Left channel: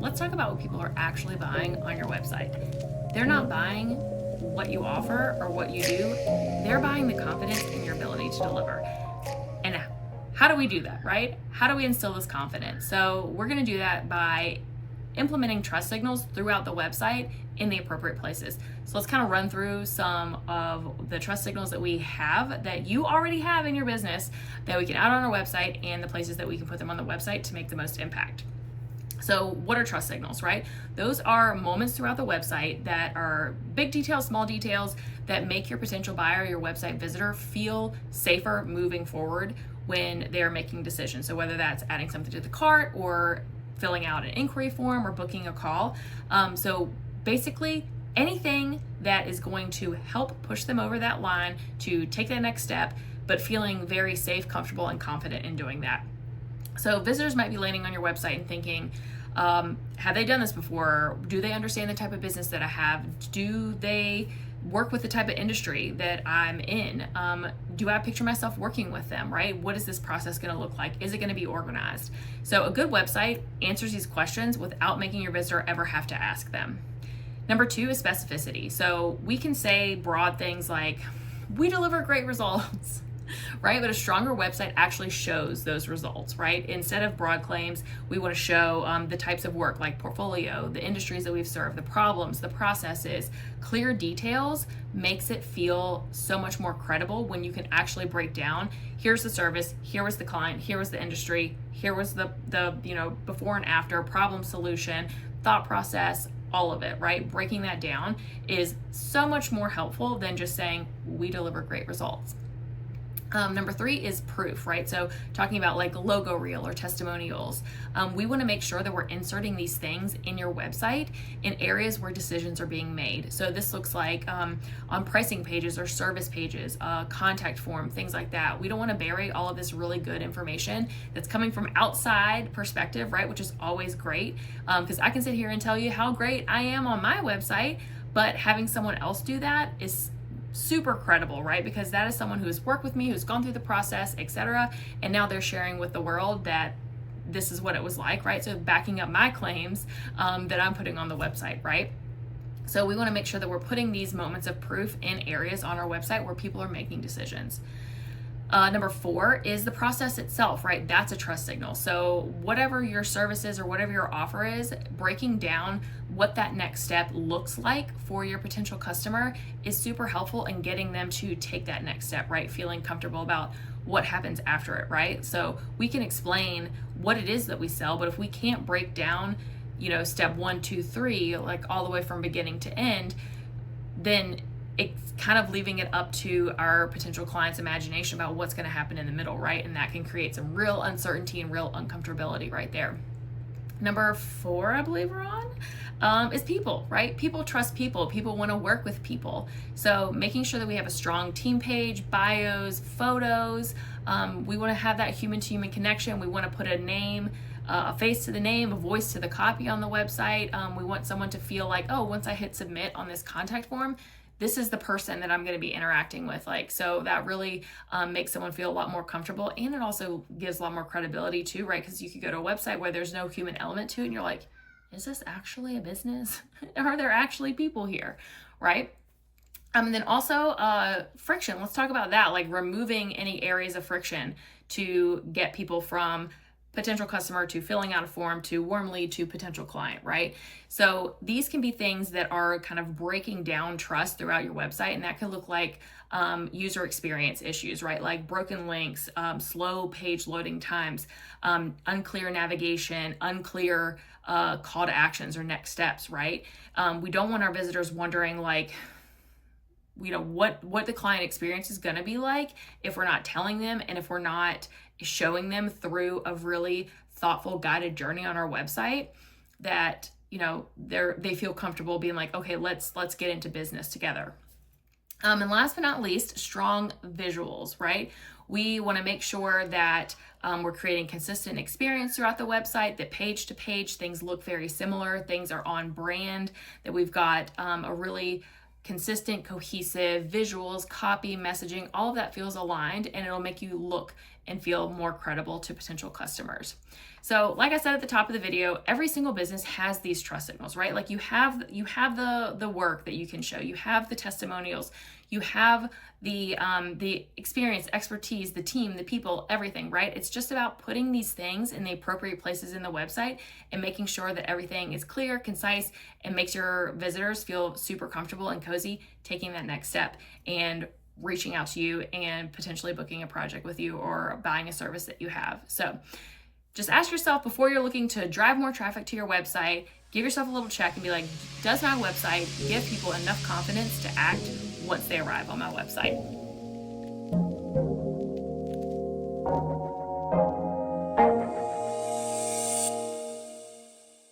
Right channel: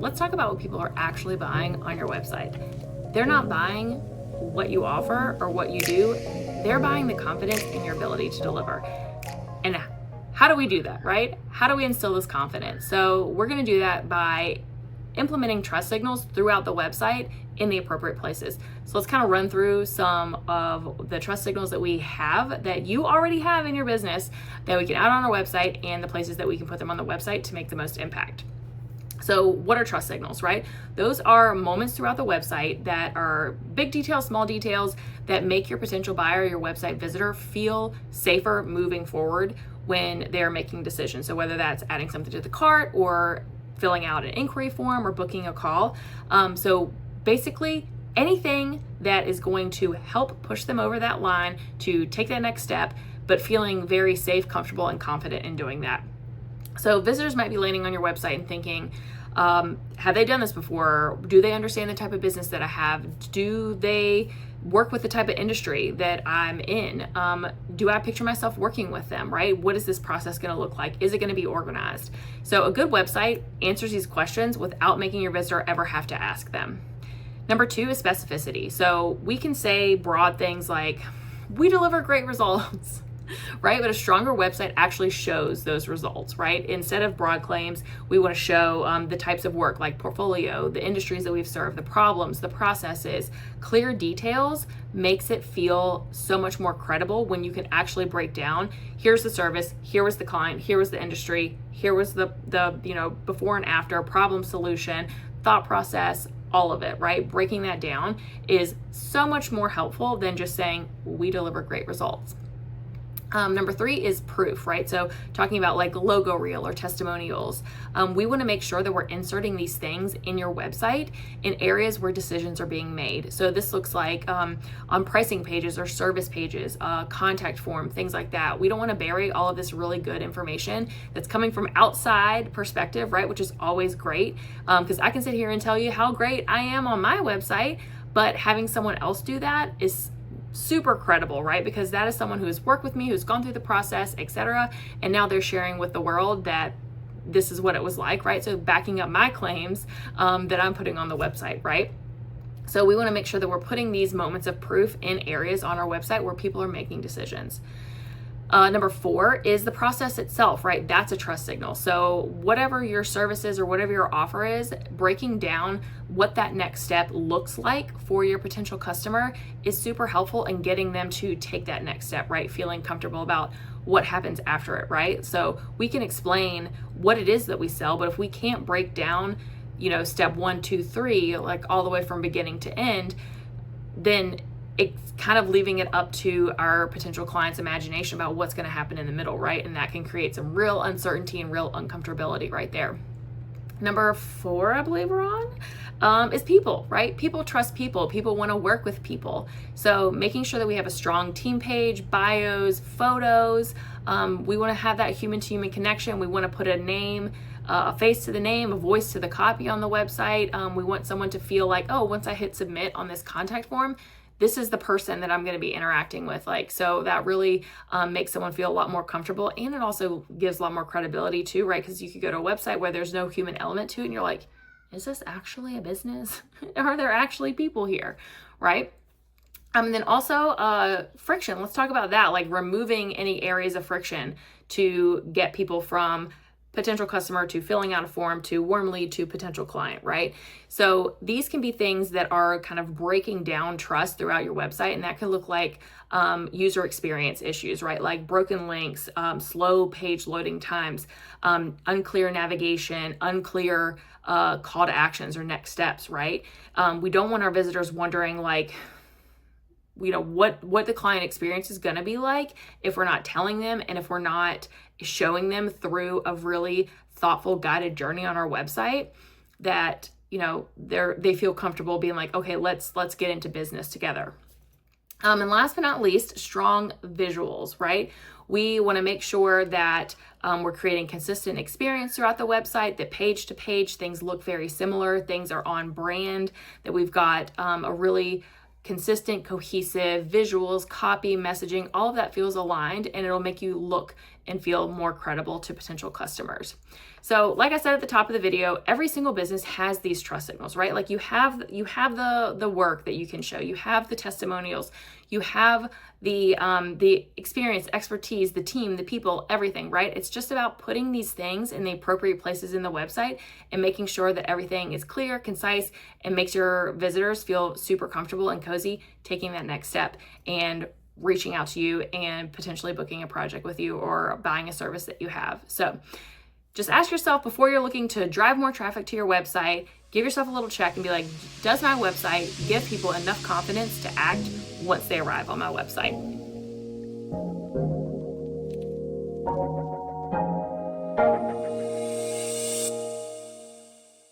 let's talk about what people are actually buying on your website. They're not buying what you offer or what you do. They're buying the confidence in your ability to deliver. And how do we do that, right? How do we instill this confidence? So we're going to do that by implementing trust signals throughout the website in the appropriate places. So let's kind of run through some of the trust signals that we have, that you already have in your business, that we can add on our website, and the places that we can put them on the website to make the most impact. So what are trust signals, right? Those are moments throughout the website that are big details, small details, that make your potential buyer, your website visitor, feel safer moving forward when they're making decisions. So whether that's adding something to the cart or filling out an inquiry form or booking a call. So basically anything that is going to help push them over that line to take that next step, but feeling very safe, comfortable, and confident in doing that. So visitors might be landing on your website and thinking, have they done this before? Do they understand the type of business that I have? Do they work with the type of industry that I'm in? Do I picture myself working with them, right? What is this process going to look like? Is it going to be organized? So a good website answers these questions without making your visitor ever have to ask them. Number 2 is specificity. So we can say broad things like, we deliver great results, right? But a stronger website actually shows those results, right? Instead of broad claims, we want to show the types of work, like portfolio, the industries that we've served, the problems, the processes. Clear details makes it feel so much more credible when you can actually break down, here's the service, here was the client, here was the industry, here was the before and after, problem solution, thought process, all of it, right? Breaking that down is so much more helpful than just saying, we deliver great results. Number 3 is proof, right? So talking about like logo reel or testimonials. We want to make sure that we're inserting these things in your website in areas where decisions are being made. So this looks like on pricing pages or service pages, contact form, things like that. We don't want to bury all of this really good information that's coming from outside perspective, right? Which is always great, because I can sit here and tell you how great I am on my website, but having someone else do that is super credible, right? Because that is someone who's worked with me, who's gone through the process, etc. And now they're sharing with the world that this is what it was like, right? So backing up my claims that I'm putting on the website, right? So we want to make sure that we're putting these moments of proof in areas on our website where people are making decisions. Number 4 is the process itself, right? That's a trust signal. So whatever your service is or whatever your offer is, breaking down what that next step looks like for your potential customer is super helpful in getting them to take that next step, right? Feeling comfortable about what happens after it, right? So we can explain what it is that we sell, but if we can't break down, step 1, 2, 3, like all the way from beginning to end, then it's kind of leaving it up to our potential client's imagination about what's going to happen in the middle, right? And that can create some real uncertainty and real uncomfortability right there. Number 4, I believe we're on, is people, right? People trust people. People want to work with people. So making sure that we have a strong team page, bios, photos. We want to have that human-to-human connection. We want to put a name, a face to the name, a voice to the copy on the website. We want someone to feel like, oh, once I hit submit on this contact form, this is the person that I'm going to be interacting with. So that really makes someone feel a lot more comfortable, and it also gives a lot more credibility too, right? Because you could go to a website where there's no human element to it and you're like, is this actually a business? Are there actually people here, right? And then also friction. Let's talk about that, like removing any areas of friction to get people from potential customer to filling out a form to warm lead to potential client, right? So these can be things that are kind of breaking down trust throughout your website, and that can look like user experience issues, right? Like broken links, slow page loading times, unclear navigation, unclear call to actions or next steps, right? We don't want our visitors wondering like, what the client experience is going to be like if we're not telling them, and if we're not showing them through a really thoughtful guided journey on our website that they feel comfortable being like, okay, let's get into business together. And last but not least, strong visuals, right? We want to make sure that we're creating consistent experience throughout the website, that page to page things look very similar, things are on brand, that we've got a really consistent, cohesive visuals, copy, messaging, all of that feels aligned, and it'll make you look and feel more credible to potential customers. So like I said at the top of the video, every single business has these trust signals, right? Like you have the work that you can show, you have the testimonials, you have the experience, expertise, the team, the people, everything, right? It's just about putting these things in the appropriate places in the website and making sure that everything is clear, concise, and makes your visitors feel super comfortable and cozy taking that next step and reaching out to you and potentially booking a project with you or buying a service that you have. So just ask yourself, before you're looking to drive more traffic to your website, give yourself a little check and be like, does my website give people enough confidence to act once they arrive on my website?